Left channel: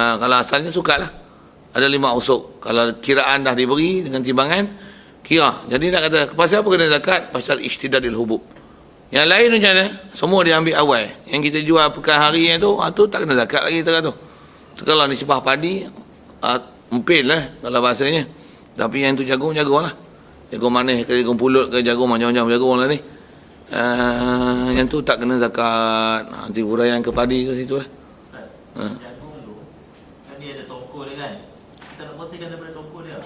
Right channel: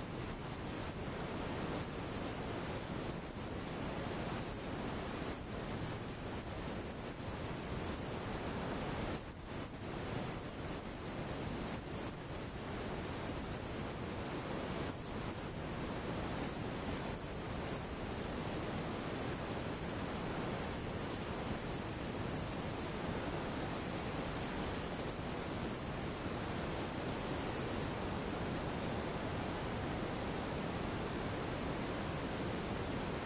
Kalau asalnya sukat lah. Ada 5 usuk. Kalau kiraan dah diberi dengan timbangan, kira. Jadi nak kata, pasal apa kena zakat? Pasal ishtidadil hubub. Yang lain macam mana? Semua dia ambil awal. Yang kita jual pekan hari tu, tu tak kena zakat lagi tu. Kalau nisbah padi, empil lah kalau bahasanya. Tapi yang tu jagung lah. Jagung manis ke jagung pulut ke jagung macam-macam jagung lah ni. Yang tu tak kena zakat. Nanti huraian ke padi ke situ lah.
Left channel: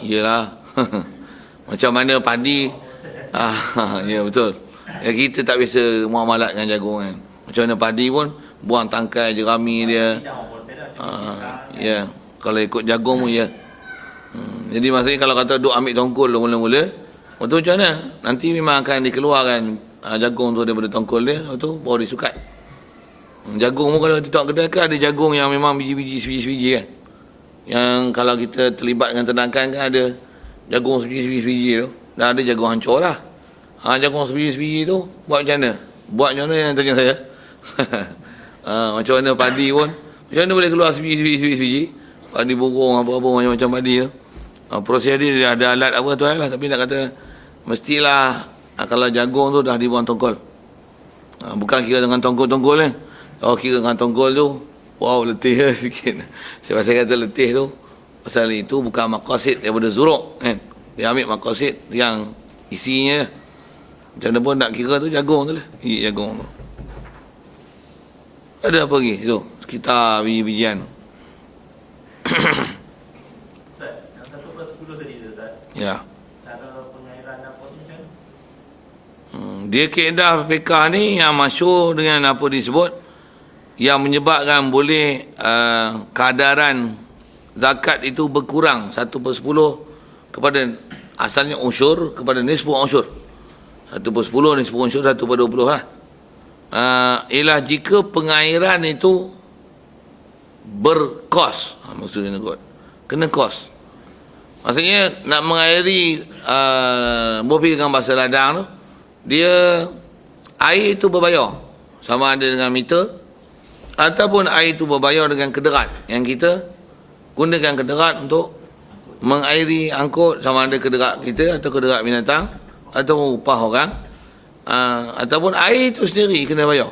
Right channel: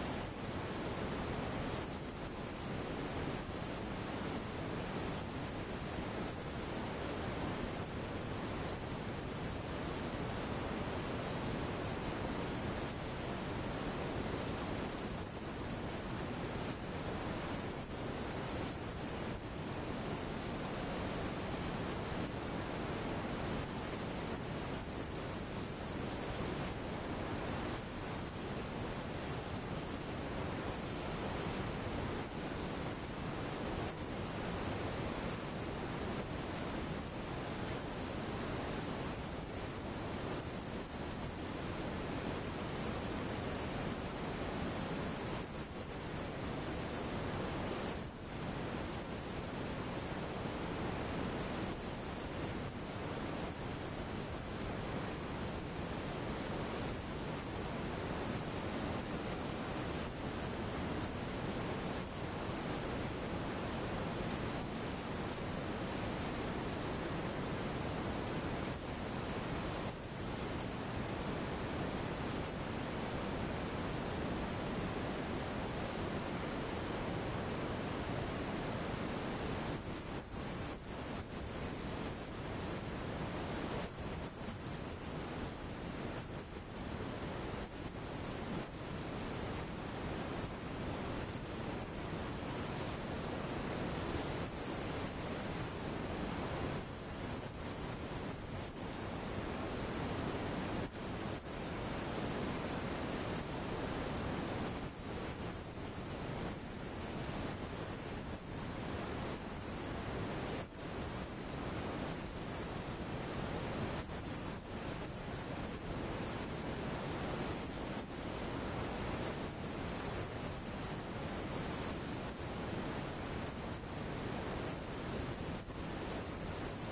Iyalah. Macam mana padi. Ya betul. Ya, kita tak biasa muamalat dengan jagung kan. Macam mana padi pun buang tangkai jerami dia. Ya, kalau ikut jagung pun ya. Jadi maksudnya kalau kata duk ambil tongkol mula-mula, betul macam mana? Nanti memang akan dikeluarkan jagung tu daripada tongkol dia, betul baru disukat. Jagung pun kalau kita kedai kan ada jagung yang memang biji-biji sebiji-sebiji kan. Yang kalau kita terlibat dengan ternakan kan ada jagung sebiji-sebiji tu. Dan ada jagung hancur lah. Jagung sebiji-sebiji tu buat macam mana? Buat macam mana yang tanya saya? Macam mana padi pun. Macam mana boleh keluar sebiji-sebiji? Padi burung apa-apa macam-macam padi tu. Proses dia ada alat apa tu lah. Tapi nak kata mestilah kalau jagung tu dah dibuang tongkol. Bukan kira dengan tongkol-tongkol kan. Kira dengan tongkol tu, wow letih sikit. Saya pasal kata letih tu, pasal itu bukan maqasid daripada zuruk kan. Dia ambil maqasid yang isinya. Macam mana pun nak kira tu jagung tu lah. Jagung tu. Ada apa lagi tu? Sekitar biji-bijian. Ya. Dia kaedah fiqah ni yang masyhur dengan apa disebut yang menyebabkan boleh kadaran zakat itu berkurang 1/10 kepada asalnya unsur kepada nisfu unsur. 1/10 nisfu unsur 1/20 lah. Ialah jika pengairan itu berkos. Maksudnya kena kos. Maksudnya nak mengairi bopi dengan bahasa ladang tu, dia air itu berbayar sama ada dengan meter ataupun air itu berbayar dengan kederat yang kita gunakan kederat untuk mengairi angkut sama ada kederat kita atau kederat binatang atau upah orang ataupun air itu sendiri kena bayar.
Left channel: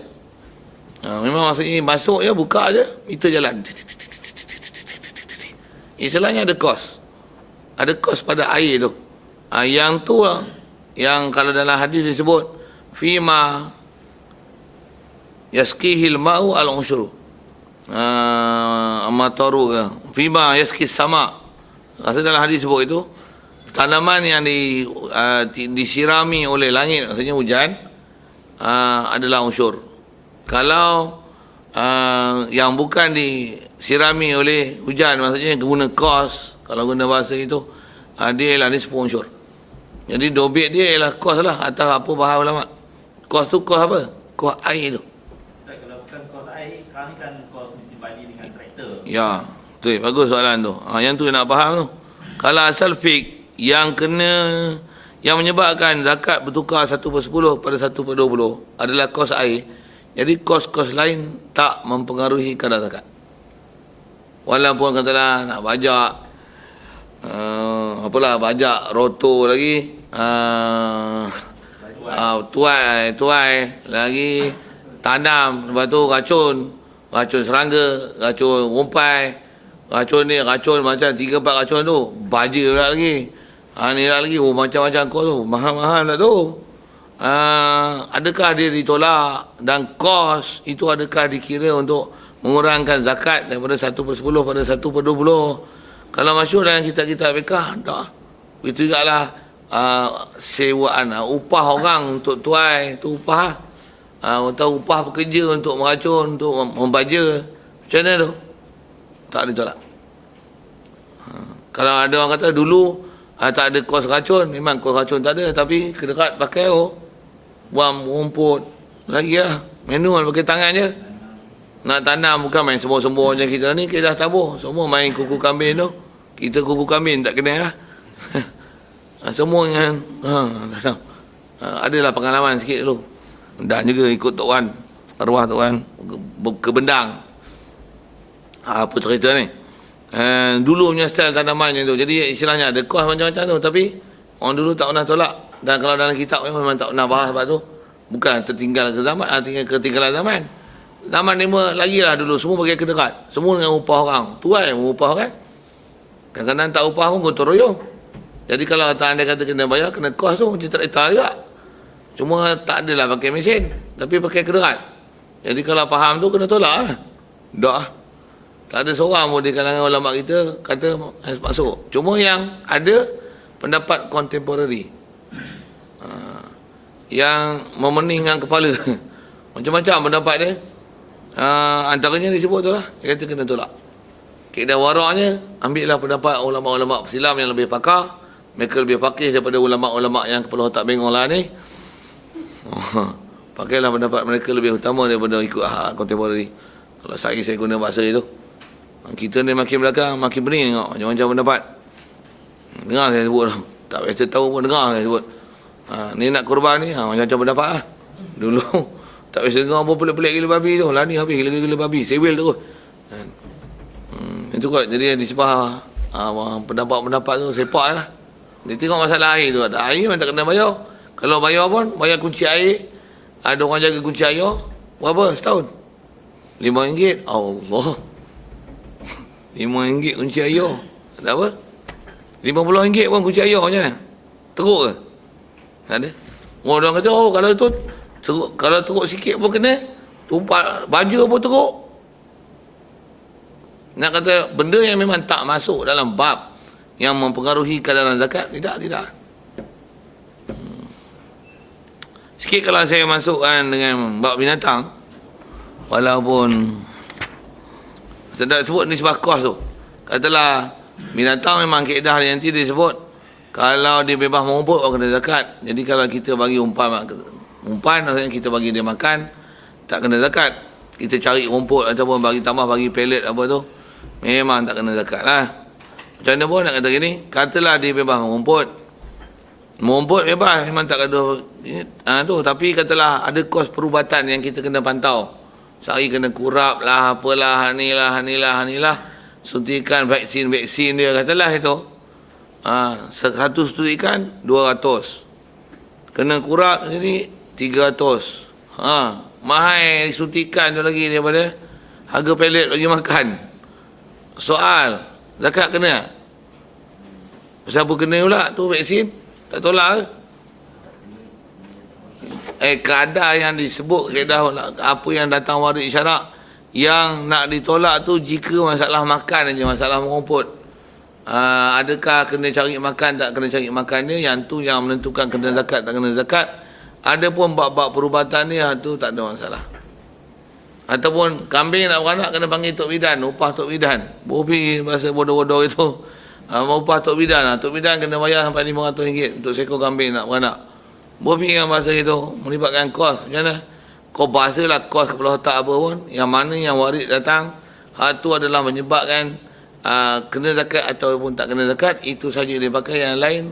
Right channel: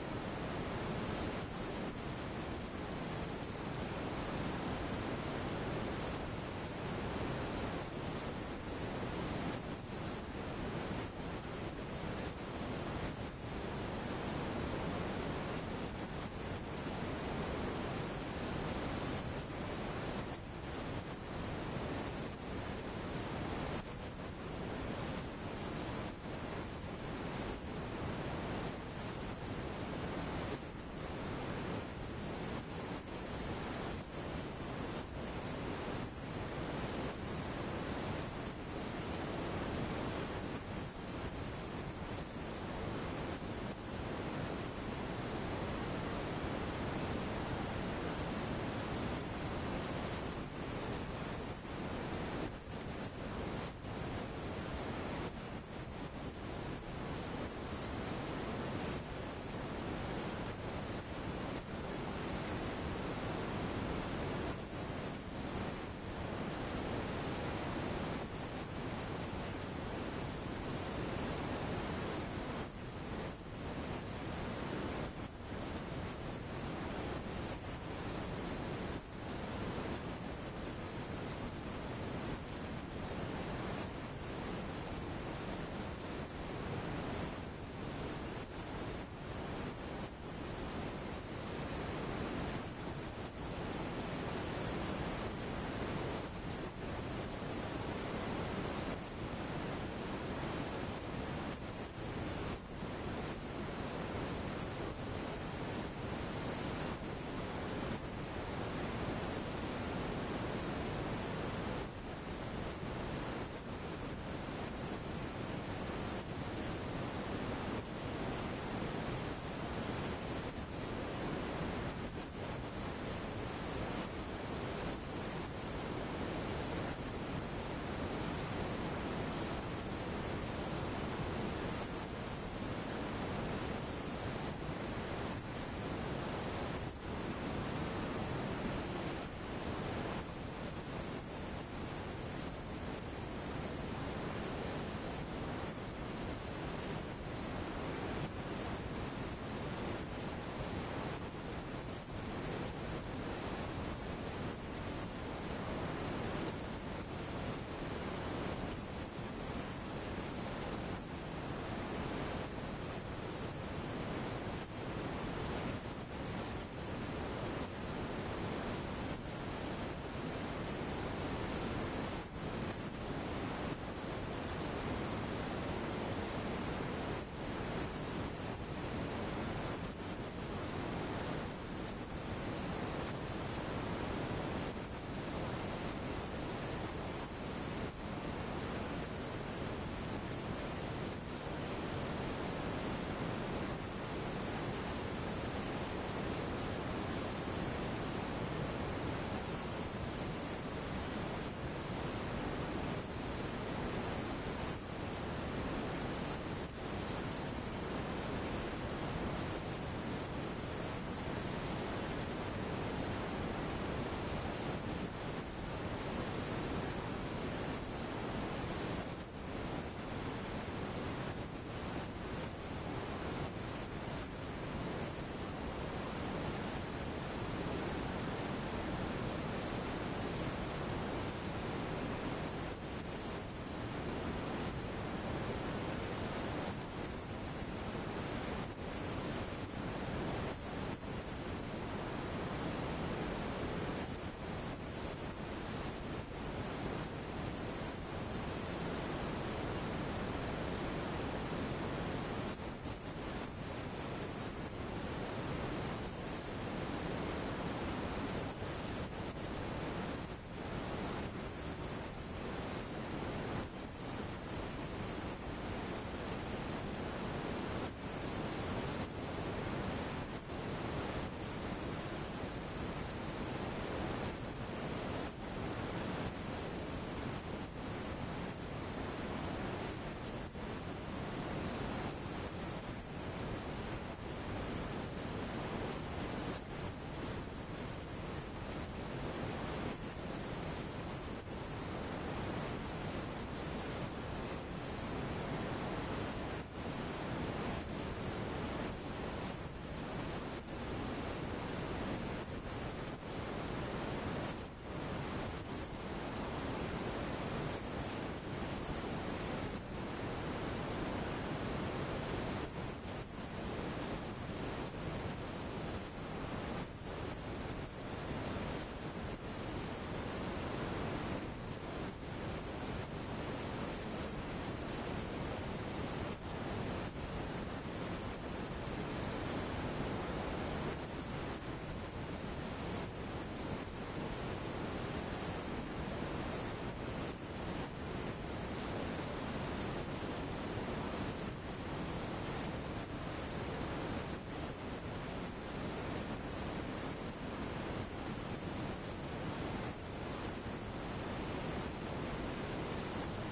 Memang maksudnya masuk je buka je meter jalan. Istilahnya ada kos. Ada kos pada air tu. Yang tu yang kalau dalam hadis disebut fima yaskihil ma'u al-ushru amataru fima yaskis sama. Maksud dalam hadis sebut itu tanaman yang disirami oleh langit, maksudnya hujan, adalah unsur. Kalau yang bukan disirami oleh hujan, maksudnya guna kos, kalau guna bahasa itu, dia ialah nisfu unsur. Jadi dobit dia ialah kos lah atas apa bahasa ulama. Kos tu kos apa? Kos air tu. Ya, betul. Bagus soalan tu. Yang tu nak faham tu. Kalau asal fiqh yang menyebabkan zakat bertukar 1/10 pada 1/20 adalah kos air. Jadi kos-kos lain tak mempengaruhi kadar zakat. Walaupun katalah nak bajak bajak roto lagi, tuai lagi tanam, lepas tu racun serangga, racun rumpai, racun ni, racun macam 3-4 racun tu, baja pula lagi. Ni lagi macam-macam kos tu, mahal-mahal lah tu. Adakah dia ditolak dan kos itu adakah dikira untuk mengurangkan zakat daripada 1/10 pada 1/20? Kalau masyhur dalam kitab-kitab fiqh, tak. Itu jugalah sewaan, upah orang untuk tuai, tu upah. Atau upah pekerja untuk meracun, untuk membaja. Macam mana tu? Tak ditolak. Kalau ada orang kata dulu tak ada kos racun, memang kos racun tak ada, tapi kederat pakai buang rumput lagi lah, manual pakai tangan je. Nak tanam bukan main sembur-sembur macam kita ni, kita dah tabur. Semua main kuku kambing tu. Kita kuku kambing tak kena lah. Semua yang adalah pengalaman sikit dulu. Dan juga ikut Tok Wan, arwah Tok Wan ke Bendang. Apa cerita ni? Dulu punya style tanamannya tu. Jadi istilahnya ada kos macam-macam tu. Tapi orang dulu tak pernah tolak. Dan kalau dalam kitab memang tak pernah bahas sebab tu. Bukan tertinggal ke zaman, ketinggalan zaman. Zaman ni lagi lah dulu. Semua pakai kederat. Semua dengan upah orang. Tuai upah kan. Kadang-kadang tak upah pun gotong royong. Jadi kalau anda kata kena bayar, kena kos tu macam traktor juga. Cuma tak adalah pakai mesin. Tapi pakai kederat. Jadi kalau faham tu kena tolak lah. Tak lah. Tak ada seorang pun di kalangan ulama kita kata masuk. Cuma yang ada pendapat contemporary. Yang memeningkan kepala. Macam-macam pendapat dia. Antaranya disebut tu lah. Dia kata kena tolak. Kaedah waraknya, ambillah pendapat ulama-ulama Islam yang lebih pakar. Mereka lebih fakih daripada ulama-ulama yang kepala otak bengong lah ni. Pakailah pendapat mereka lebih utama daripada ikut contemporary. Kalau saya guna bahasa itu. Kita ni makin belakang, makin pening tengok macam-macam pendapat. Dengar saya sebut. Tak biasa tahu pun dengar saya sebut. Ni nak korban ni, macam-macam pendapat lah. Dulu, tak biasa dengar apa pelik-pelik gila babi tu. Lah ni habis gila-gila babi, sewel terus. Itu kot, jadi disebah pendapat-pendapat tu sepak lah. Dia tengok masalah air tu. Air memang tak kena bayar. Kalau bayar pun, bayar kunci air. Ada orang jaga kunci air. Berapa setahun? RM5. Allah. RM5 kunci air. Tak apa? RM50 pun kunci air macam mana? Teruk ke? Tak ada. Orang kata, kalau tu teruk, kalau teruk sikit pun kena. Tumpat baju pun teruk. Nak kata benda yang memang tak masuk dalam bab yang mempengaruhi kadaran zakat, tidak. Sikit kalau saya masukkan dengan bab binatang, walaupun sedap sebut nisbah kos tu. Katalah binatang memang kaedah yang nanti dia sebut kalau dia bebas mengumpul orang kena zakat. Jadi kalau kita bagi umpan maksudnya kita bagi dia makan, tak kena zakat. Kita cari rumput ataupun bagi tambah bagi pellet apa tu, memang tak kena zakat lah. Macam mana pun nak kata gini, katalah dia bebas mengumpul bebas, memang tak ada tu. Tapi katalah ada kos perubatan yang kita kena pantau. Sehari kena kurap lah, apalah, hanilah. Suntikan vaksin dia, katalah itu. Satu suntikan 200. Kena kurap sini 300. Mahal suntikan tu lagi daripada harga pelet bagi makan. Soal, zakat kena? Siapa kena pula tu vaksin? Tak tolak ke? Kadar yang disebut kaedah apa yang datang warid syarak yang nak ditolak tu jika masalah makan aja, masalah mengumpul. Adakah kena cari makan, tak kena cari makan dia, yang tu yang menentukan kena zakat tak kena zakat. Ada pun bab-bab perubatan dia tu tak ada masalah. Ataupun kambing nak beranak kena panggil Tok Bidan, upah Tok Bidan. Bobi bahasa bodoh-bodoh itu. Upah Tok Bidan. Tok Bidan kena bayar sampai RM500 untuk seekor kambing nak beranak. Bobi dengan bahasa itu melibatkan kos. Macam mana? Kau bahasalah kos kepala otak apa pun. Yang mana yang warid datang, itu adalah menyebabkan kena zakat ataupun tak kena zakat. Itu saja dia pakai. Yang lain,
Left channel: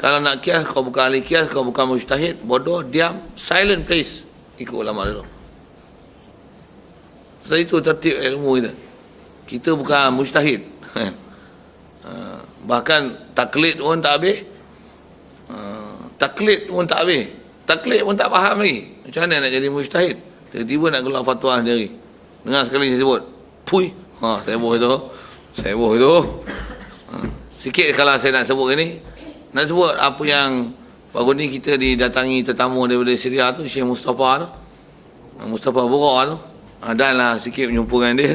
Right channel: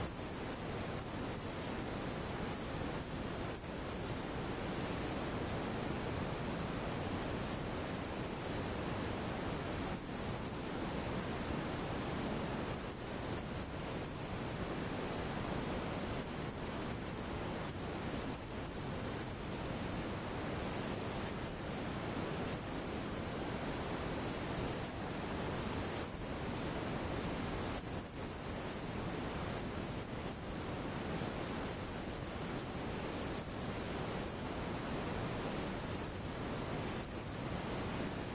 kalau nak kias, kau bukan ahli kias, kau bukan mujtahid, bodoh, diam, silent please. Ikut ulama dulu. Sebab itu tertib ilmu kita. Kita bukan mujtahid. Bahkan taklid pun tak habis. Taklid pun tak habis. Taklid pun tak faham lagi. Macam mana nak jadi mujtahid? Tiba-tiba nak keluar fatwa sendiri. Dengar sekali saya sebut. Pui. Seboh itu. Sikit kalau saya nak sebut ini. Nak sebut apa yang baru ni kita didatangi tetamu daripada Syria tu, Syekh Mustafa tu. Mustafa Burak tu. Dan lah sikit berjumpa dengan dia.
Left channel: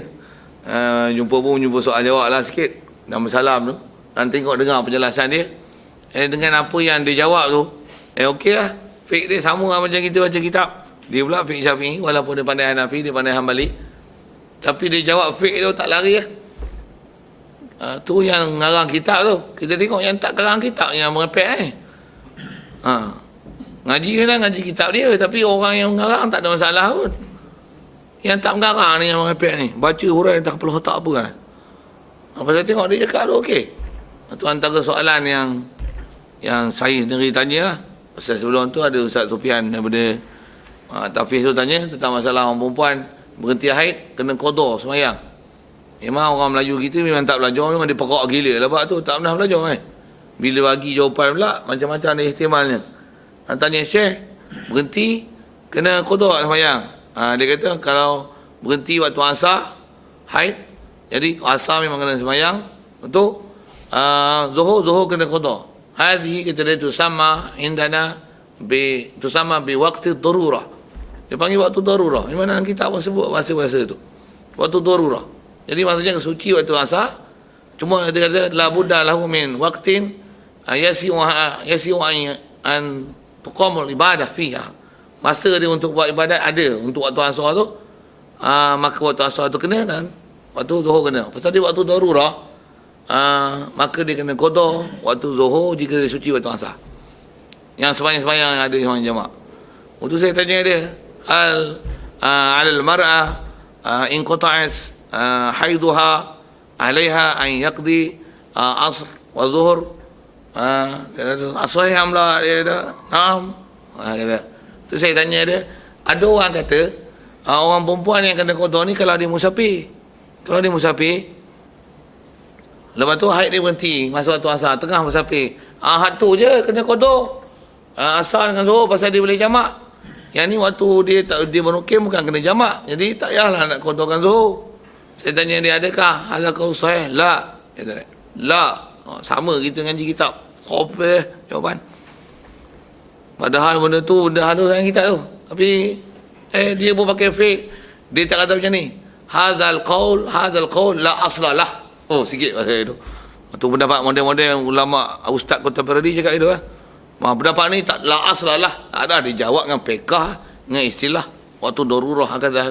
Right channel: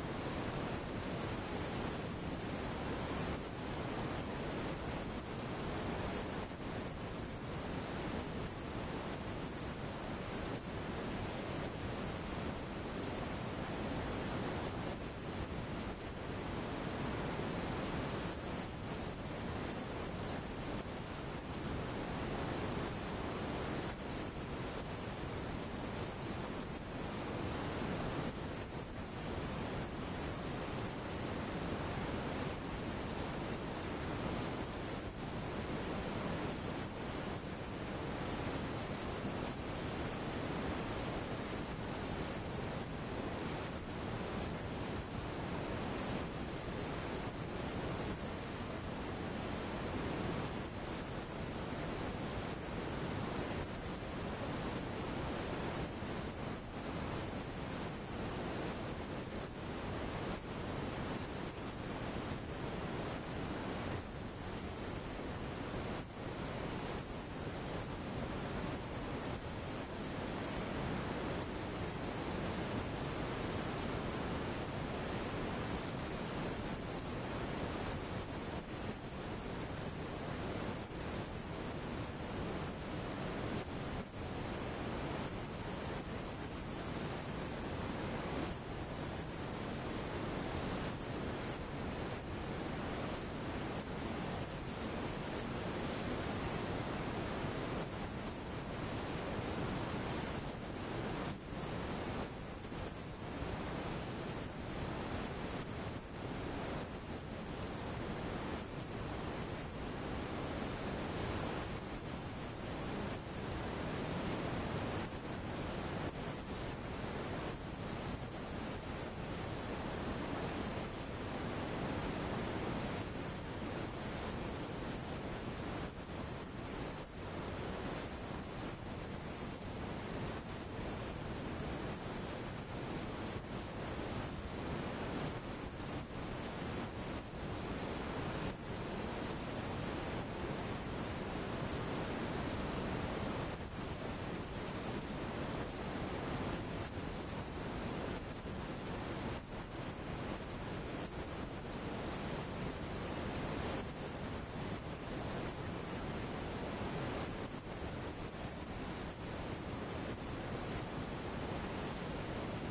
Jumpa soal jawab lah sikit. Dan bersalam tu. Dan tengok dengar penjelasan dia. Dengan apa yang dia jawab tu, okey lah. Fiqh dia sama lah macam kita baca kitab. Dia pula fiqh Syafi'i, walaupun dia pandai Hanafi, dia pandai Hanbali. Tapi dia jawab fiqh tu tak lari lah. Tu yang ngarang kitab tu. Kita tengok yang tak karang kitab, yang merepek ngaji kan ngaji kitab dia. Tapi orang yang ngarang tak ada masalah pun. Yang tak mengarang ni, yang merepek ni, baca huraian tak kepala otak apa kan. Apa saya tengok dia cakap tu okey. Itu antara soalan yang saya sendiri tanya lah. Pasal sebelum tu ada Ustaz Sufian daripada Tafiz tu tanya tentang masalah orang perempuan berhenti haid kena qada semayang. Memang orang Melayu kita memang tak belajar, memang dia pekak gila lah bab tu, tak pernah belajar kan. Bila bagi jawapan pula, macam-macam ada ihtimalnya. Tanya Syekh, berhenti, kena qada sembahyang. Dia kata kalau berhenti waktu asar, haid, jadi asar memang kena sembahyang, betul? Zuhur kena qada. Hadhi kita dia tu sama indana tu sama bi waktu darurah. Dia panggil waktu darurah. Di mana kita apa sebut bahasa-bahasa tu? Waktu darurah. Jadi maksudnya suci waktu asar. Cuma dia kata la budda lahu min waqtin yasi'u an tuqamul ibadah fiha. Masa dia untuk buat ibadat ada untuk waktu asar tu. Maka waktu asar tu kena dan waktu zuhur kena. Pasal dia waktu darurah, maka dia kena qada waktu zuhur jika dia suci waktu asar. Yang sembahyang-sembahyang yang ada sembahyang jamak. Untuk saya tanya dia, alal mar'ah in qata'at haiduha alaiha an yaqdi asr wa zuhur aswahih amla dia kata naam. Kata tu saya tanya dia, ada orang kata orang perempuan yang kena qada ni kalau dia musafir. Kalau dia musafir, lepas tu haid dia berhenti masa waktu asar, tengah musafir, had tu je kena qada asar dengan zuhur pasal dia boleh jamak. Yang ni waktu dia menukim bukan kena jamak, jadi tak payahlah nak qadakan zuhur. Saya tanya dia, adakah halakau sahih? La. Dia kata, la. Sama kita ngaji kitab. Kopeh jawapan. Padahal benda tu dah ada dalam kitab tu. Tapi dia pun pakai fake. Dia tak kata macam ni. Hadzal qaul la aslalah. Oh, sikit bahasa itu. Tu pendapat model-model ulama ustaz kontemporari cakap itu kan. Pendapat ni tak la aslalah. Tak ada, dia jawab dengan pekah, dengan istilah waktu darurah kata.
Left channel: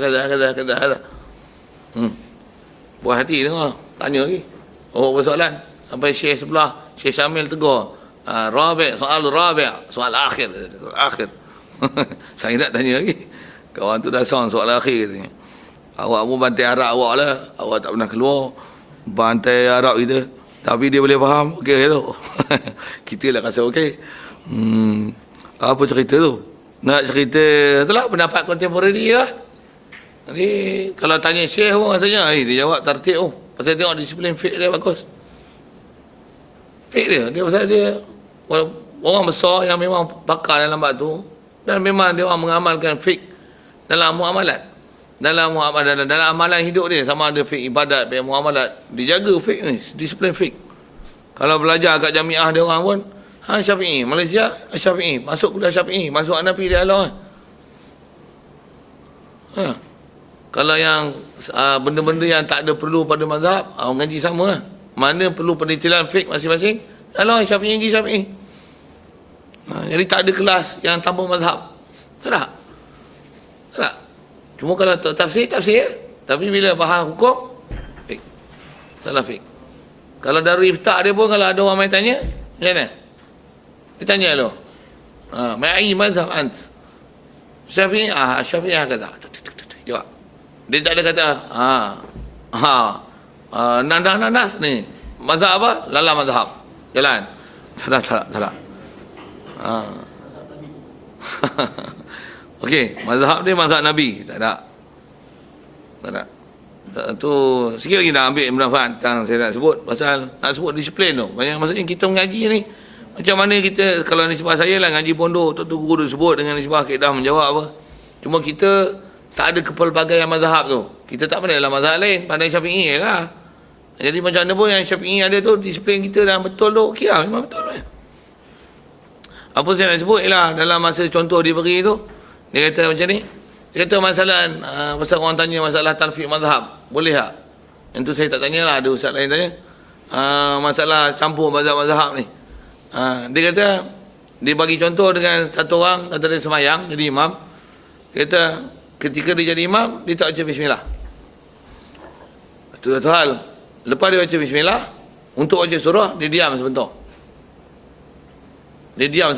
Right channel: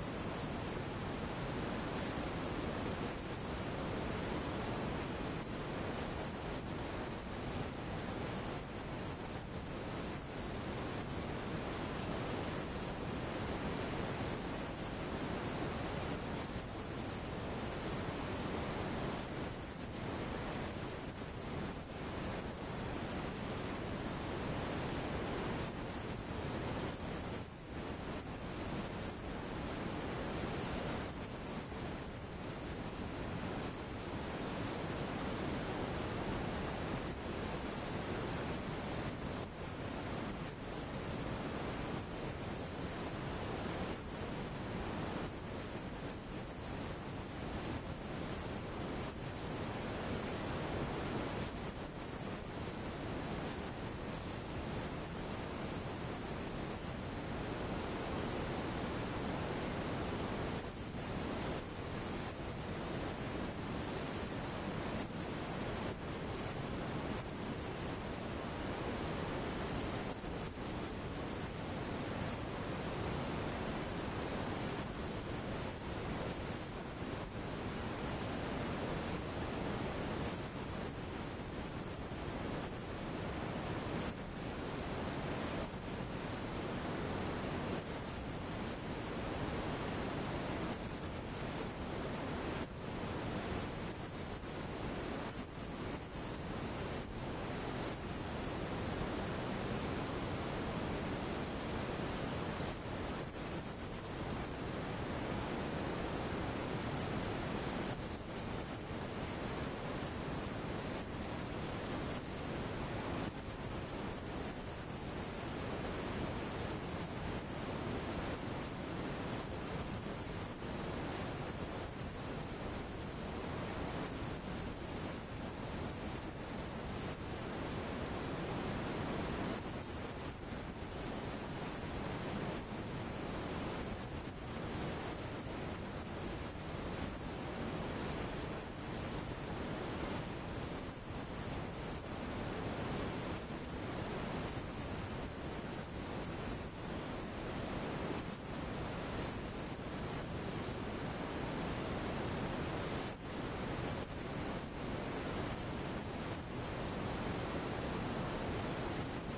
Buat hati dengar, tanya lagi. Oh, persoalan sampai Syekh sebelah, Syekh Syamil tegur. Soal akhir. Saya nak tanya lagi. Kawan tu dah soal akhir katanya. Awak pun bantai Arab awak lah. Awak tak pernah keluar. Bantai Arab kita. Tapi dia boleh faham. Okey tu. Kita lah rasa okey. Apa cerita tu? Nak cerita itulah pendapat kontemporari lah. Jadi kalau tanya Syekh pun rasanya dia jawab tertib. Pasal tengok disiplin fiqh dia bagus. Fiqh dia pasal dia orang besar yang memang pakar dalam bab tu, dan memang dia orang mengamalkan fiqh dalam muamalat. Dalam amalan hidup dia, sama ada fiqh ibadat, fiqh muamalat, dijaga fiqh ni, disiplin fiqh. Kalau belajar kat jamiah dia orang pun Syafi'i, Malaysia Syafi'i, masuk kuliah Syafi'i, masuk Hanafi dia Allah. Kalau yang benda-benda yang tak ada perlu pada mazhab, orang ngaji sama lah. Mana perlu pendetilan fiqh masing-masing, Allah Syafi'i ngaji Syafi'i. Jadi tak ada kelas yang tanpa mazhab. Tak. Cuma kalau tafsir. Tapi bila faham hukum, fiqh. Salah fiqh. Kalau dari iftar dia pun, kalau ada orang main tanya, macam mana? Dia tanya lo. Ma'i mazhab ant. Syafi'i, Syafi'i kata. Jawab. Dia tak ada kata, nanas ni. Mazhab apa? Lala mazhab. Jalan. Tak. Okey, mazhab dia mazhab Nabi. Tak ada. Tu sikit lagi nak ambil manfaat tentang saya nak sebut. Pasal nak sebut disiplin tu. Banyak maksudnya kita mengaji ni. Macam mana kita, kalau nisbah saya lah ngaji pondok, tu guru sebut dengan nisbah kaedah menjawab apa. Cuma kita tak ada kepelbagaian mazhab tu. Kita tak pandai dalam mazhab lain, pandai Syafi'i lah. Jadi macam mana pun yang Syafi'i ada tu, disiplin kita dah betul tu, okey lah, memang betul kan. Apa saya nak sebut ialah dalam masa contoh diberi tu, dia kata macam ni. Dia kata masalah, pasal orang tanya masalah talfiq mazhab, boleh tak? Yang tu saya tak tanya lah, ada ustaz lain tanya. Masalah campur mazhab-mazhab ni. Dia kata, dia bagi contoh dengan satu orang, kata dia semayang, jadi imam. Dia kata, ketika dia jadi imam, dia tak baca bismillah. Itu satu hal. Lepas dia baca bismillah, untuk baca surah, dia diam sebentar. Diam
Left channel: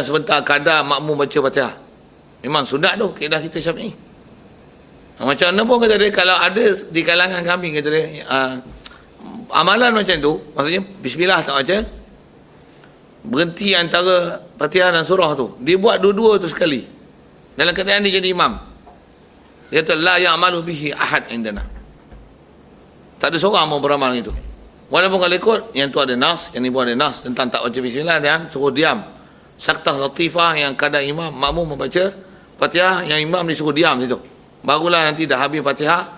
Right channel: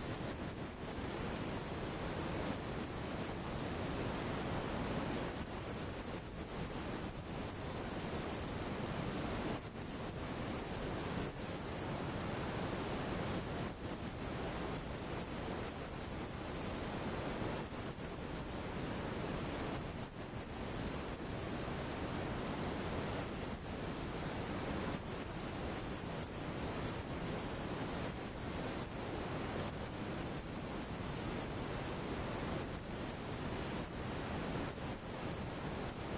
sebentar kadar makmum baca Fatihah. Memang sunat tu, kaedah kita Syafi'i. Macam mana pun kata dia, kalau ada di kalangan kami, kata dia, amalan macam tu, maksudnya bismillah tak baca, berhenti antara Fatihah dan surah tu, dia buat dua-dua tu sekali. Dalam keadaan dia jadi imam. Dia kata la ya'malu bihi ahad indana. Tak ada seorang mau beramal itu. Walaupun kalau ikut, yang tu ada nas, yang ni pun ada nas tentang tak baca bismillah dan suruh diam. Saktah latifah yang kadang imam makmum membaca Fatihah, yang imam disuruh diam situ. Barulah nanti dah habis Fatihah,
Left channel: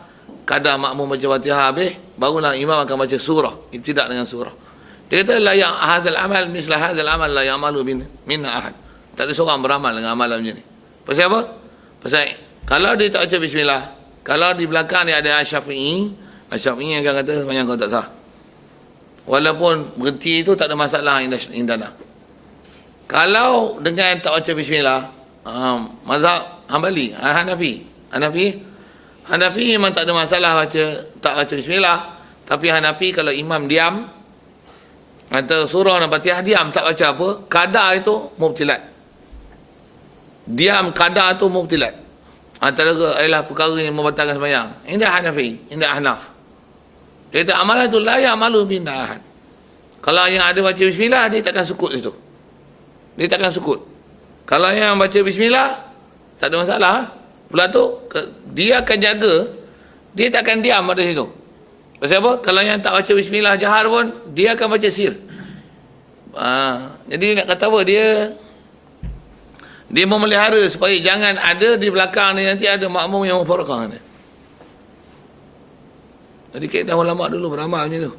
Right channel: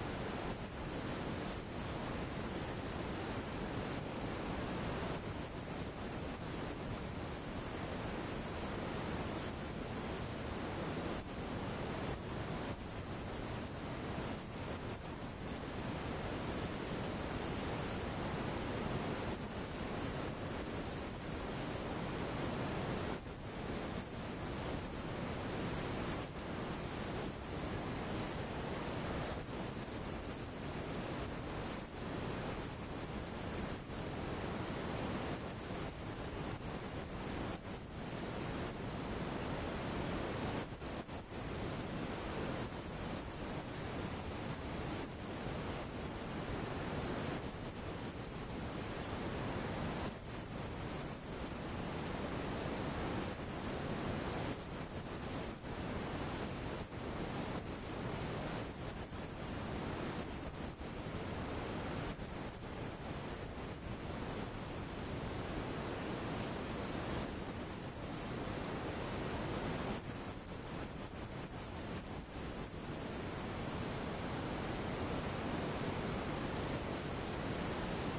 kadang makmum baca Fatihah habis, barulah imam akan baca surah, ibtidak dengan surah. Dia kata la yang hadzal amal misla hadzal amal la ya'malu minna ahad. Tak ada seorang beramal dengan amalan macam ni. Pasal apa? Pasal kalau dia tak baca bismillah, kalau di belakang dia ada Asy-Syafi'i akan kata sembahyang kau tak sah. Walaupun berhenti itu tak ada masalah indana. Kalau dengan tak baca bismillah, mazhab Hambali, Hanafi memang tak ada masalah tak baca bismillah, tapi Hanafi kalau imam diam atau surah dan Fatihah diam tak baca apa, qada itu mubtilat. Diam qada itu mubtilat. Antara ialah perkara yang membatalkan sembahyang. Ini Hanafi, ini Ahnaf. Dia kata amalan itu la ya'malu bin ahad. Kalau yang ada baca bismillah, dia takkan sukut situ. Dia takkan sukut. Kalau yang baca bismillah, tak ada masalah. Pula tu, dia akan jaga, dia takkan diam pada situ. Pasal apa? Kalau yang tak baca bismillah jahar pun, dia akan baca sir. Jadi nak kata apa? Dia memelihara supaya jangan ada di belakang ni nanti ada makmum yang memfarakah ni. Jadi kaedah ulama dulu beramal macam tu.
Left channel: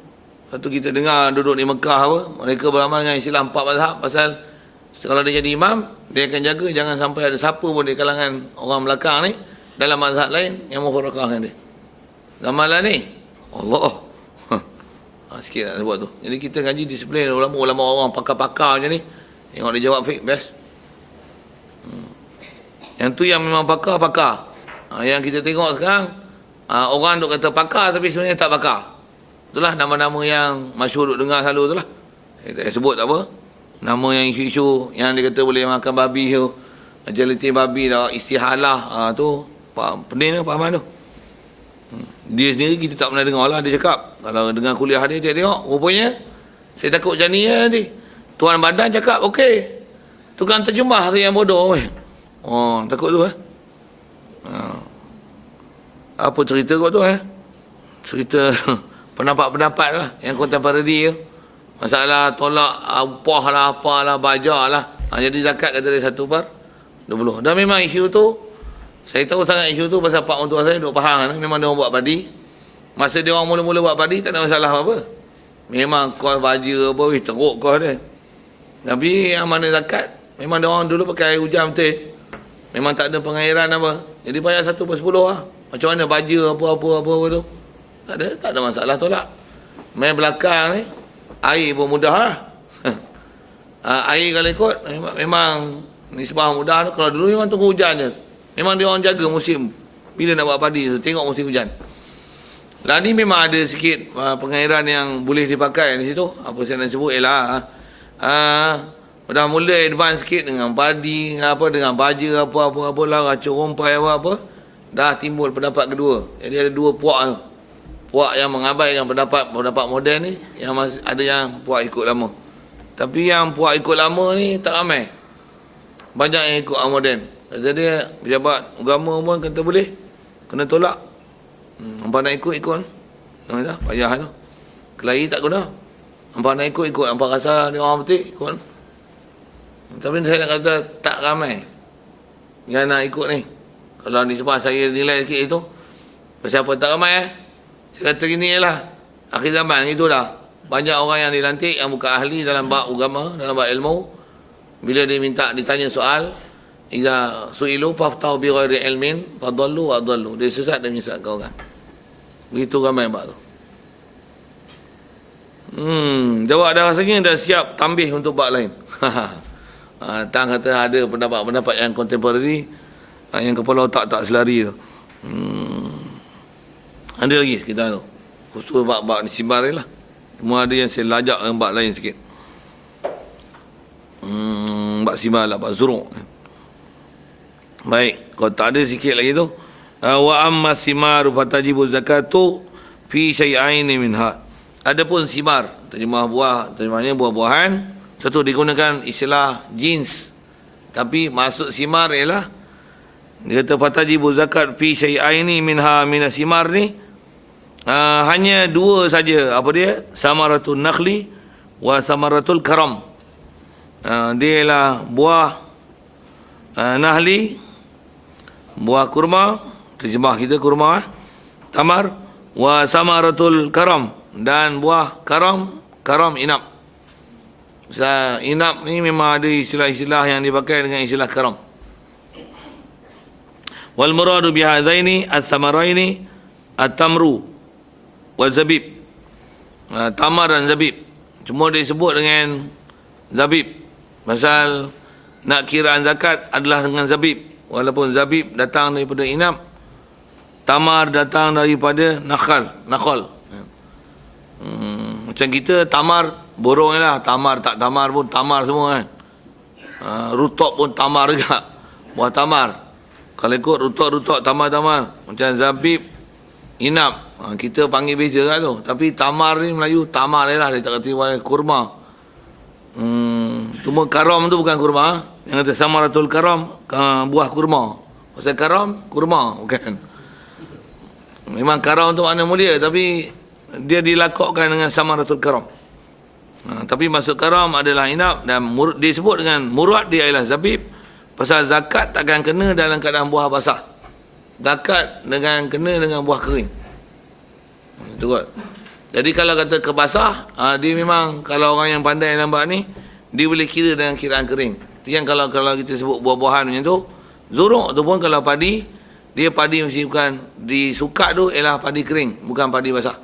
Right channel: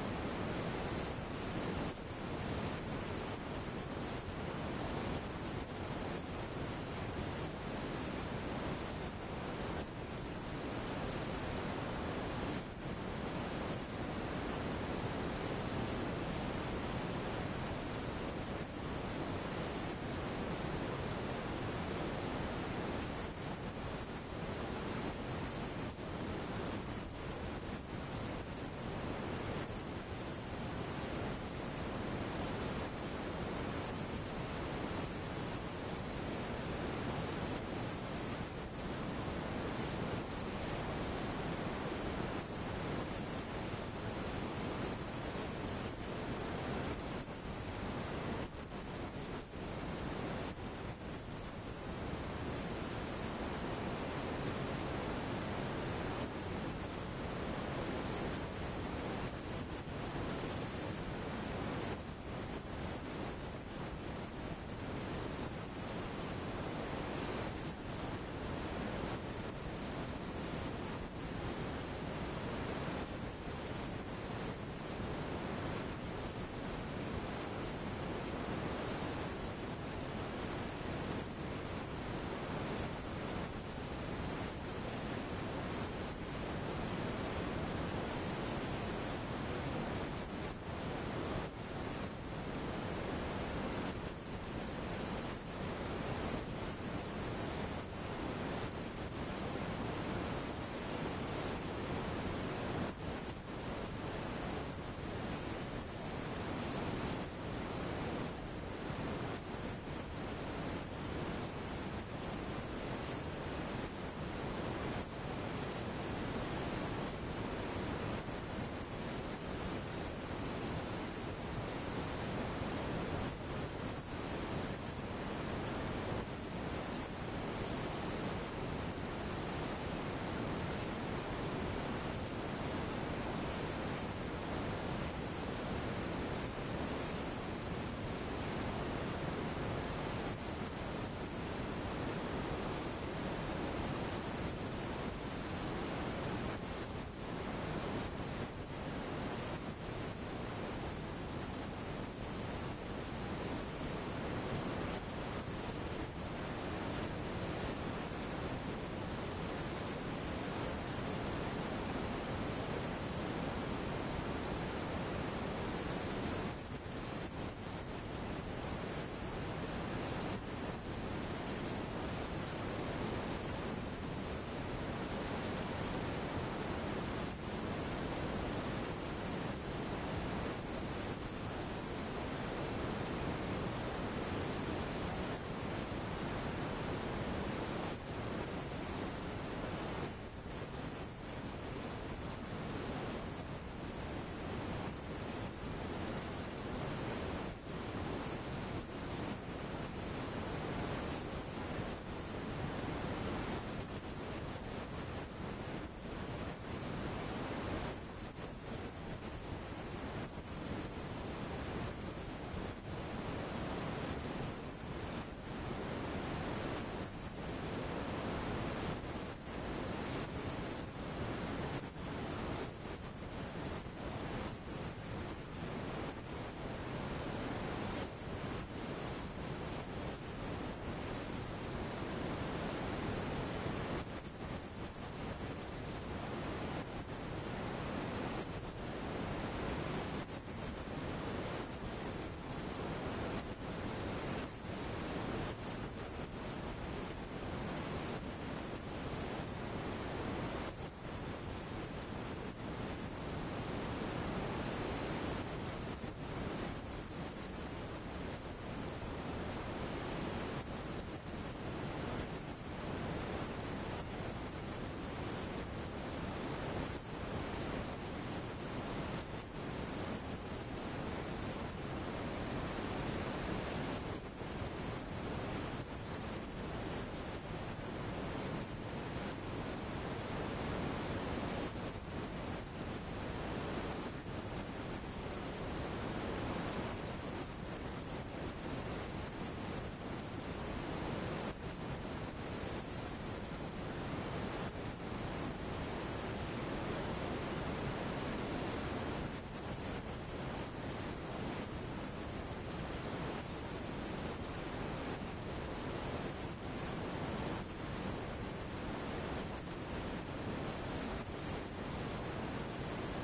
Satu kita dengar duduk di Mekah apa, mereka beramal dengan istilah 4 mazhab pasal kalau dia jadi imam, dia akan jaga jangan sampai ada siapa pun di kalangan orang belakang ni dalam mazhab lain yang memfarakahkan dia. Ramalan ni Allah. Sikit nak sebut tu. Jadi kita ngaji disiplin ulama orang pakar-pakar macam ni. Tengok dia jawab fiqh best. Yang tu yang memang pakar. Yang kita tengok sekarang orang duk kata pakar tapi sebenarnya tak pakar. Itulah nama-nama yang masyhur duk dengar selalu itulah. Kita sebut apa? Nama yang isu-isu yang dia kata boleh makan babi tu. Agility babi dah istihalah tu. Pening tu Pak Ahmad tu. Dia sendiri kita tak pernah dengar lah dia cakap. Kalau dengar kuliah dia tengok rupanya saya takut jani nanti. Tuan badan cakap okey. Tukang terjemah tu yang bodoh. Oh, takut tu apa cerita kau tu cerita pendapat-pendapat lah yang contemporary tu. Masalah tolak upah lah, apalah, bajar lah. Jadi zakat kata dia 1/20. Dan memang isu tu saya tahu sangat isu tu pasal pak mentua saya duk faham memang dia orang buat padi. Masa dia orang mula-mula buat padi tak ada masalah apa-apa. Memang kos baja apa teruk kos dia. Tapi yang mana zakat memang dia orang dulu pakai air hujan betul. Memang tak ada pengairan apa. Jadi bayar 1/10 lah. Macam mana baja apa-apa tu. Tak ada masalah tolak. Main belakang ni air pun mudah lah. Air kalau ikut memang nisbah mudah tu. Kalau dulu memang tunggu hujan je. Memang dia orang jaga musim bila nak buat padi tu, tengok musim hujan. Lah ni memang ada sikit pengairan yang boleh dipakai di situ. Apa saya nak sebut ialah dah mula advance sikit dengan padi, dengan baja apa lah, racun rompai apa. Dah timbul pendapat kedua. Jadi ada dua puak tu. Puak yang mengabaikan pendapat moden ni, yang masih ada yang puak ikut lama. Tapi yang puak ikut lama ni tak ramai. Banyak yang ikut moden. Jadi pejabat agama pun kata boleh, kena tolak. Hampa nak ikut dah payah tu. Kelahi tak guna. Hampa nak ikut hampa rasa dia orang betul ikut. Tapi saya nak kata tak ramai yang nak ikut ni. Kalau ni sebab saya nilai sikit itu. Pasal apa tak ramai Saya kata gini lah, akhir zaman itu dah. Banyak orang yang dilantik yang bukan ahli dalam bab agama, dalam bab ilmu. Bila dia ditanya soal, iza su'ilu faftau bi ghairi ilmin fadallu wa adallu. Dia sesat dan menyesatkan orang. Begitu ramai bab tu. Jawab dah rasanya dah siap tambih untuk bab lain. Tang kata ada pendapat-pendapat yang contemporary, yang kepala otak tak selari tu. Ada lagi kita tu. Khusus bab-bab ni sibar lah. Cuma ada yang saya lajak dengan bab lain sikit. Bab sibar lah, bab zuruk. Baik, kalau tak ada sikit lagi tu. Wa amma simaru fatajibu zakatu fi syai'aini minha. Adapun simar, terjemahnya buah-buahan. Satu digunakan istilah jins. Tapi maksud simar ialah dia kata fatajibu zakat fi syai'aini minha minas simar ni. hanya dua saja. Apa dia? Samaratul nakhli wa samaratul karam. Dia ialah buah nahli, buah kurma, terjemah kita kurma, tamar, wa samaratul karam, dan buah karam, karam inap. Inap ni memang ada istilah-istilah yang dipakai dengan istilah karam. Wal muradu bihadzaini as-samaraini at-tamru wa zabib. Tamar dan zabib. Cuma disebut dengan zabib. Pasal nak kiraan zakat adalah dengan zabib. Walaupun zabib datang daripada inap, tamar datang daripada nakhal. Macam kita tamar borong lah. Tamar tak tamar pun tamar semua kan. Rutok pun tamar juga. Buah tamar. Kalau ikut rutok-rutok tamar-tamar. Macam zabib, inap. Kita panggil beza kan tu. Tapi tamar ni Melayu tamar lah. Dia tak kata kurma. Cuma karam tu bukan kurma. Yang kata samaratul karam, buah kurma. Pasal karam, kurma. Bukan. Memang karam tu makna mulia. Tapi dia dilakokkan dengan samaratul karam. Tapi masuk karam adalah inap. Dan disebut dengan murad dia ialah zabib. Pasal zakat takkan kena dalam keadaan buah basah. Zakat kena dengan buah kering. Itu kot. Jadi kalau kata kebasah, dia memang kalau orang yang pandai nampak ni, dia boleh kira dengan kiraan kering. Yang kalau kita sebut buah-buahan macam tu, zuruk tu pun kalau padi, dia padi mesti bukan disukat tu ialah padi kering, bukan padi basah.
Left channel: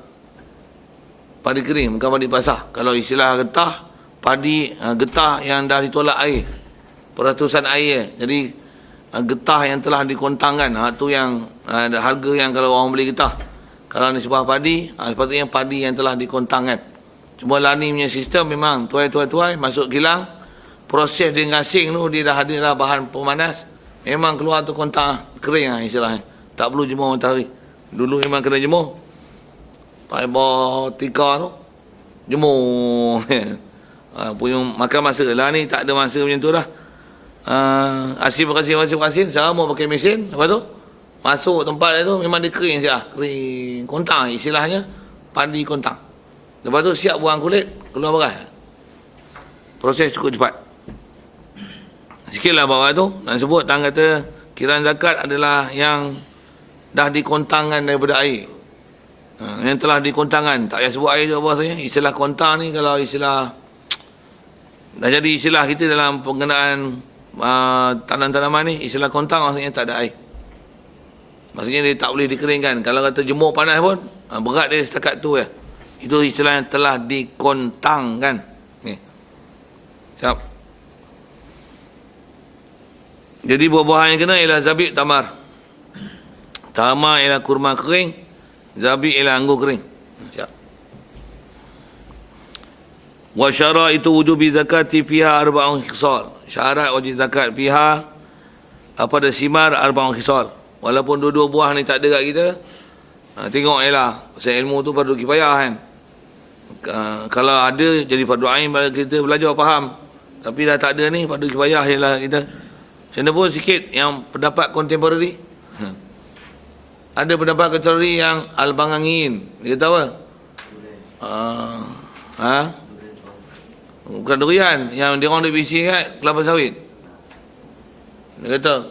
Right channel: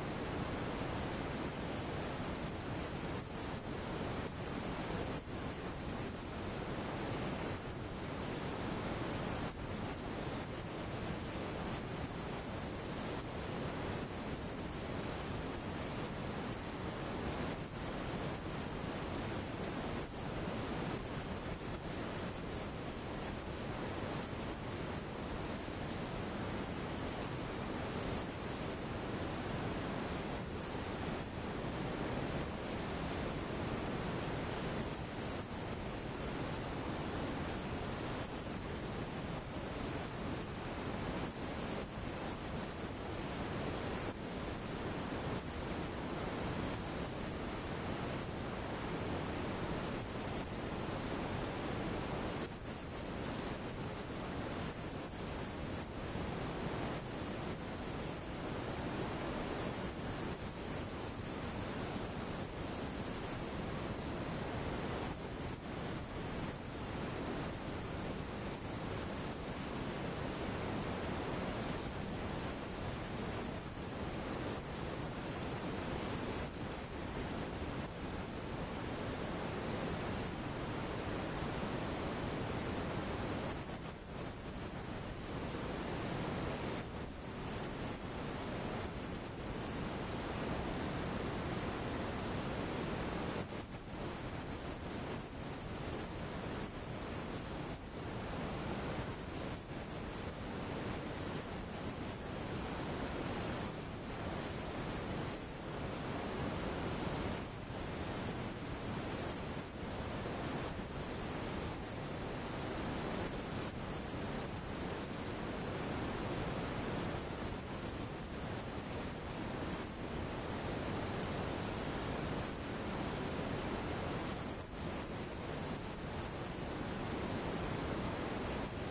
Padi kering, bukan padi basah. Kalau istilah getah, padi getah yang dah ditolak air. Peratusan air. Jadi getah yang telah dikontangkan, tu yang harga yang kalau orang beli getah. Kalau ni sebuah padi, sepatutnya padi yang telah dikontangkan. Cuma Lani punya sistem memang tuai masuk kilang, proses dia ngasing tu dia dah ada lah bahan pemanas, memang keluar tu kontang kering lah istilahnya. Tak perlu jemur matahari. Dulu memang kena jemur. Pakai bawa tika tu jemur. Punya makan masa lah ni tak ada masa macam tu dah. Asin sekarang mau pakai mesin. Lepas tu masuk tempat tu memang dia kering siap. Kering kontang istilahnya, padi kontang. Lepas tu siap buang kulit, keluar beras. Proses cukup cepat. Sikitlah bawah tu nak sebut tang kata kiraan zakat adalah yang dah dikontangkan daripada air. Yang telah dikontangkan, tak payah sebut air tu apa rasanya. Istilah kontang ni kalau istilah dah jadi istilah kita dalam penggunaan tanam-tanaman ni, istilah kontang maksudnya tak ada air. Maksudnya dia tak boleh dikeringkan. Kalau kata jemur panas pun berat dia setakat tu ya. Itu istilah yang telah dikontangkan. Ni. Siap. Jadi buah-buahan yang kena ialah zabib, tamar. Tamar ialah kurma kering, zabib ialah anggur kering. Siap. Wa syaraitu wujubi zakati fiha arba'un khisal. Syarat wajib zakat fiha pada simar arba'un khisal. Walaupun dua-dua buah ni tak ada kat kita, tengok ialah pasal ilmu tu fardu kifayah kan. Kalau ada jadi fardu ain pada kita belajar faham. Tapi dah tak ada ni fardu kifayah ialah kita. Macam pun sikit yang pendapat kontemporari. Ada pendapat kontemporari yang al-bangangin. Dia tahu apa? Bukan durian, yang dia orang bisi kat kelapa sawit. Dia kata,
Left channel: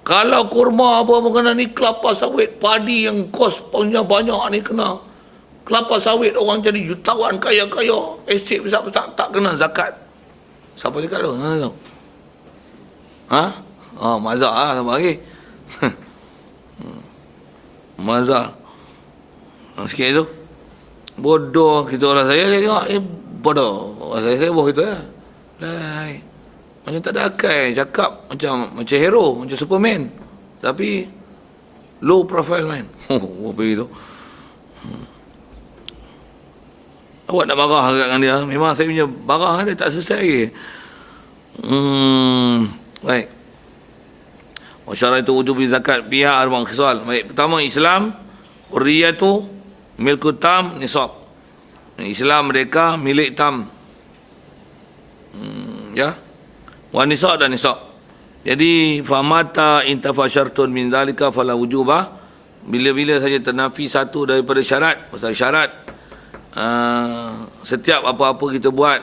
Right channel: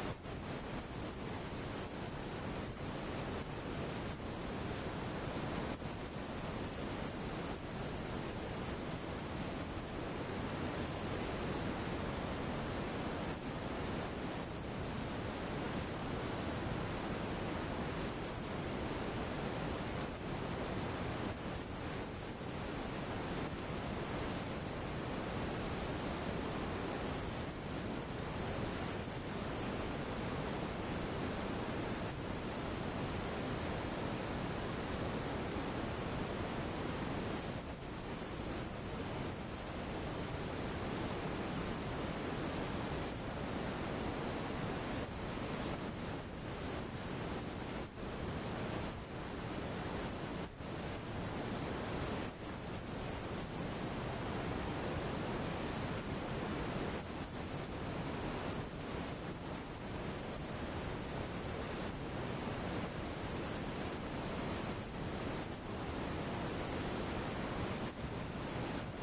kalau kurma apa kena ni kelapa sawit, padi yang kos banyak-banyak ni kena. Kelapa sawit orang jadi jutawan kaya-kaya, estate besar-besar tak kena zakat. Siapa cakap tu? Mazhar lah sama lagi. Mazhar. Sikit tu. Bodoh kita orang saya tengok, bodoh. Saya boh gitu ya. Macam tak ada akal, cakap macam hero, macam Superman. Tapi low profile man. Apa itu? Awak nak marah dengan dia. Memang saya punya marah dia tak selesai lagi. Baik. Wasyaraitu wujubi zakat biha arba'un khisal. Baik, pertama Islam, hurriyatu milku tam nisab. Islam mereka milik tam. Ya. Wa nisab dan nisab. Jadi famata intafa syartun min zalika fala wujuba bila-bila saja ternafi satu daripada syarat, pasal syarat setiap apa-apa kita buat,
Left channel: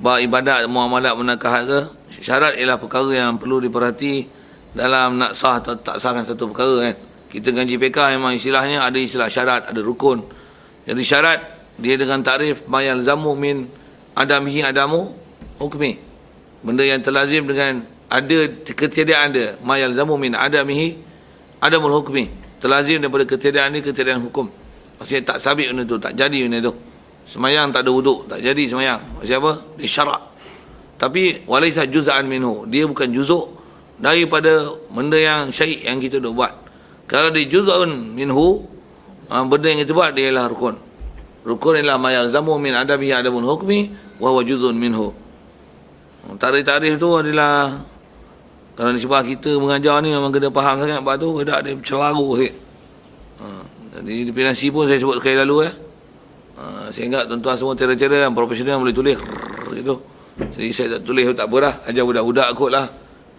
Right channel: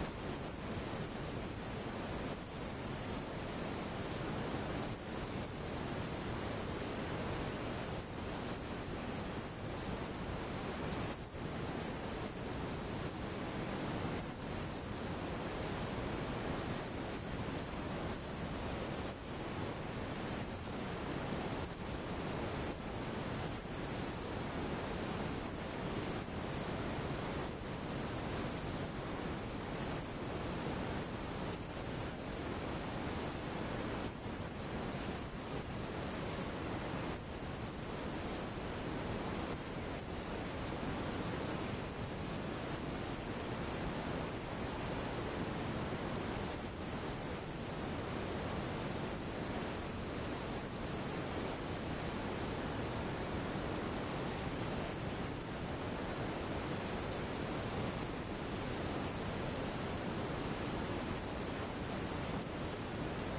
ibadat, muamalat, menakah harga, syarat ialah perkara yang perlu diperhati dalam nak sah atau tak sahkan satu perkara kan. Kita ngaji fiqh memang istilahnya ada istilah syarat, ada rukun. Jadi syarat dia dengan takrif mayal zamu min adamihi adamu hukmi. Benda yang terlazim dengan ada ketiadaan dia, mayal zamu min adamihi adamul hukmi. Terlazim daripada ketiadaan dia, ketiadaan hukum. Maksudnya tak sabit benda tu, tak jadi benda tu. Semayang tak ada wuduk, tak jadi semayang. Maksudnya apa? Dia syarak. Tapi walaisa juz'an minhu, dia bukan juzuk daripada benda yang syai' yang kita dah buat. Kalau dia juz'un minhu, benda yang kita buat dia ialah rukun. Rukun ialah ma yalzamu min adabihi adamul hukmi wa huwa juz'un minhu. Tarikh-tarikh tu adalah, kalau nisbah kita mengajar ni memang kena faham sangat. Lepas tu ada celaru sikit. Jadi di penasi pun saya sebut sekali lalu saya ingat tuan-tuan semua tera-tera yang profesional boleh tulis gitu. Jadi saya tak tulis tak apa dah, ajar budak-budak kot lah.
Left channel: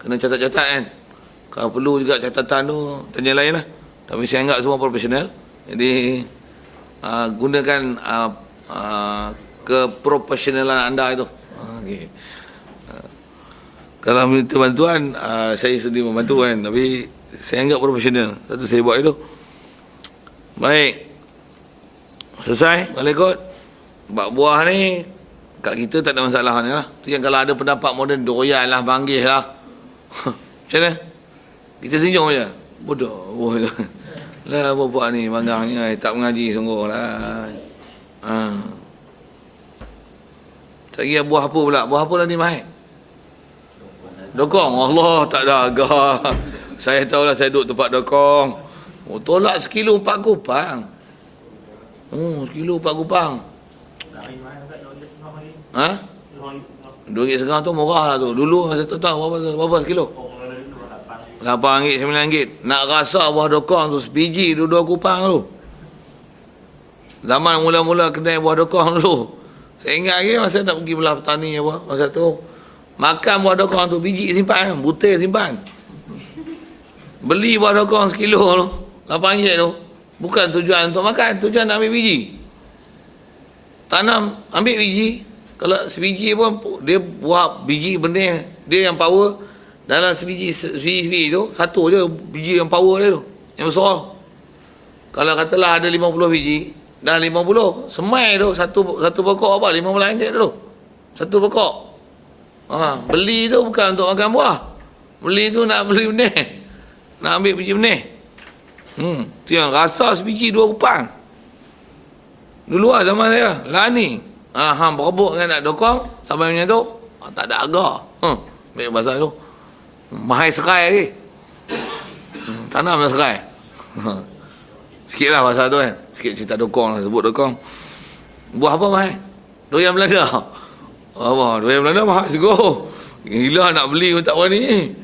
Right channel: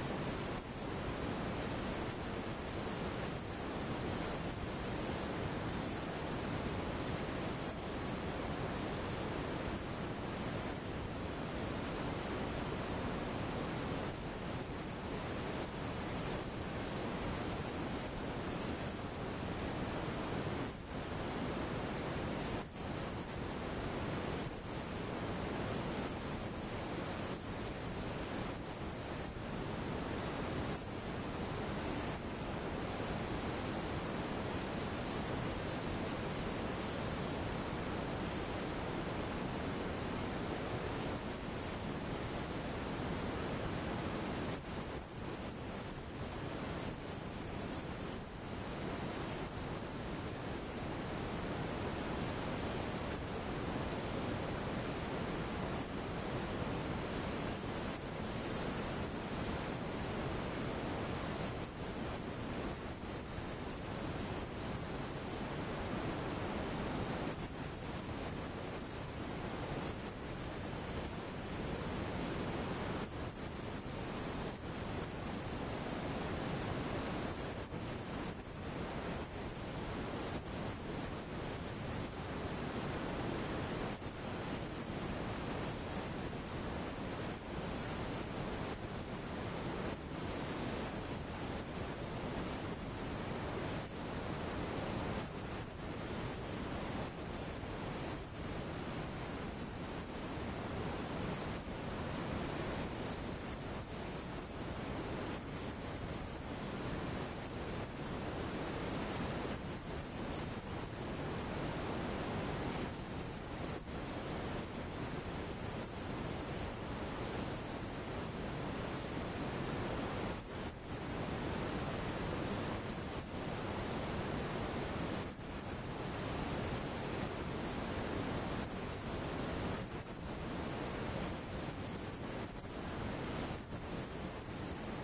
Kena catat-catat kan. Kalau perlu juga catatan tu tanya lain lah. Tapi saya anggap semua profesional. Jadi gunakan keprofesionalan anda itu. Okay. Kalau minta bantuan, saya sedia membantu kan. Tapi saya anggap profesional. Satu saya buat itu. Baik. Selesai? Boleh kot? Bab buah ni, kat kita tak ada masalah ni lah. Tu yang kalau ada pendapat moden, doyan lah, panggil lah. Macam mana? Kita senyum je. Bodoh. Lah bapak ni, banggang ni, tak mengaji sungguh lah. Cari buah apa pula? Buah apa lah ni, Mahir? Dokong. Allah, tak ada agak. Saya tahulah saya duduk tempat dokong. Tolak sekilo 4 kupang. Sekilo 4 kupang. RM2.5 tu murah lah tu. Dulu masa tu tahu berapa sekilo? RM8, RM9. Nak rasa buah dokong tu sebiji 2 kupang tu. Zaman mula-mula kedai buah dokong dulu. Saya ingat lagi masa nak pergi belah petani apa masa tu. Makan buah dokong tu biji simpan, butir simpan. Beli buah dokong sekilo tu, RM8 tu. Bukan tujuan untuk makan, tujuan nak ambil biji. Tanam, ambil biji. Kalau sebiji pun, dia buah biji benih, dia yang power. Dalam sebiji tu, satu je biji yang power dia tu. Yang besar. Kalau katalah ada 50 biji, dah 50. Semai tu, satu pokok apa? RM15 tu. Satu pokok. Beli tu bukan untuk makan buah. Beli tu nak beli benih. Nak ambil biji benih. Tu yang rasa sebiji 2 kupang. Dulu lah zaman saya. Lah ni. Berebut kan nak dokong. Sampai macam tu. Tak ada harga. Baik bahasa tu. Mahal serai lagi. Tanam dah serai. Sikit lah bahasa tu kan. Sikit cerita dokong lah. Sebut dokong. Buah apa mahal? Durian Belanda. Apa? Durian Belanda mahal juga. Gila nak beli pun tak berani.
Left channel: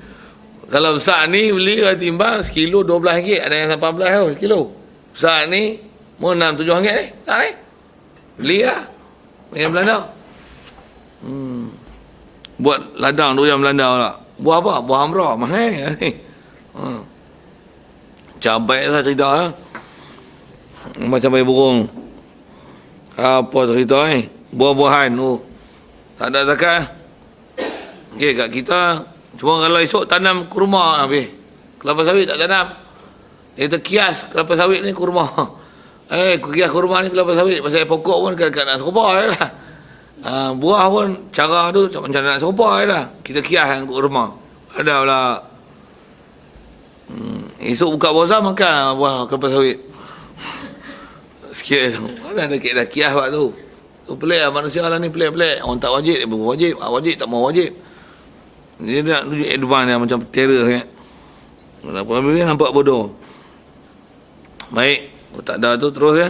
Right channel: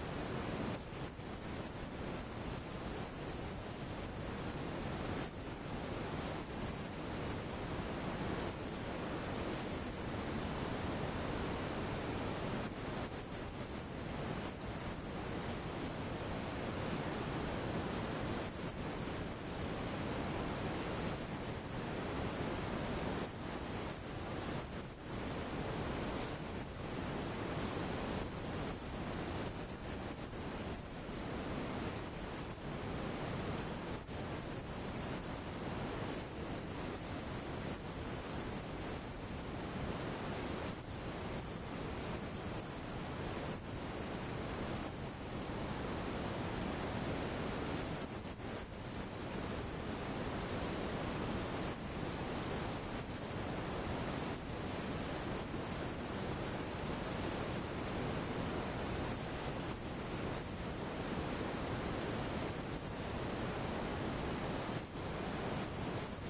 Kalau besar ni beli timbang sekilo RM12. Ada yang RM18 tau sekilo. Besar ni mau RM6-7 ni. Tak ni. Beli lah. Durian Belanda. Buat ladang durian Belanda pula. Buah apa? Buah hamra. Mahal ni. Cabai lah cerita lah. Macam cabai burung. Apa cerita ni? Buah-buahan tu. Tak ada zakat. Okey, kat kita cuma kalau esok tanam kurma habis. Kelapa sawit tak tanam. Kita kias kelapa sawit ni kurma. Kias kurma ni kelapa sawit. Pasal pokok pun dekat nak serupa je lah. Buah pun cara tu macam nak serupa je lah. Kita kias yang kurma. Ada pula. Esok buka puasa makan buah kelapa sawit. Sikit tu. Mana ada dah kias buat tu. Tu pelik lah manusia lah ni, pelik-pelik. Orang tak wajib, dia berwajib. Wajib tak mau wajib. Dia nak tunjuk advance dia macam terror kan. Dia nampak bodoh. Baik. Tak ada tu terus ya.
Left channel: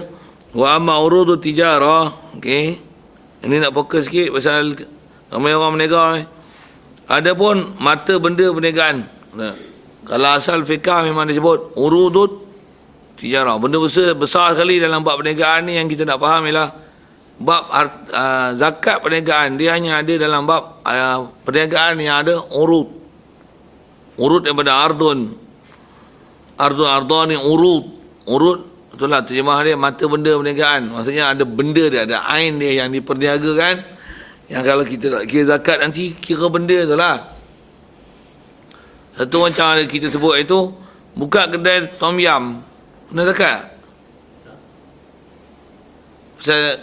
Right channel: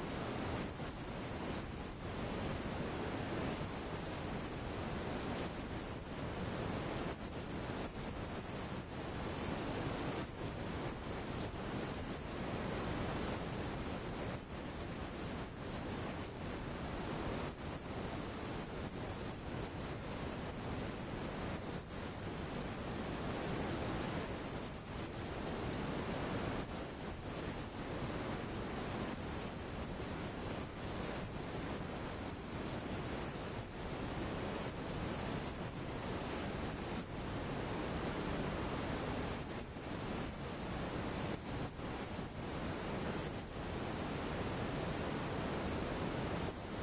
Wa amma urudu tijarah. Okey. Ini nak fokus sikit pasal ramai orang berniaga ni. Ada pun mata benda perniagaan. Kalau asal fiqah memang disebut urudut tijarah. Benda besar sekali dalam bab perniagaan ni yang kita nak faham ialah bab zakat perniagaan. Dia hanya ada dalam bab perniagaan yang ada urut daripada ardun ni urut. urut, betul lah terjemah dia, mata benda perniagaan. Maksudnya ada benda dia, ada ain dia yang diperniagakan. Yang kalau kita nak kira zakat nanti, kira benda tu lah. Satu macam ada kita sebut itu, buka kedai tom yam, kena zakat.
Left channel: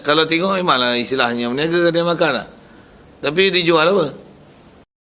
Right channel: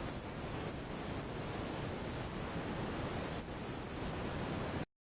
Kalau tengok memanglah istilahnya berniaga kedai makan lah. Tapi dijual apa?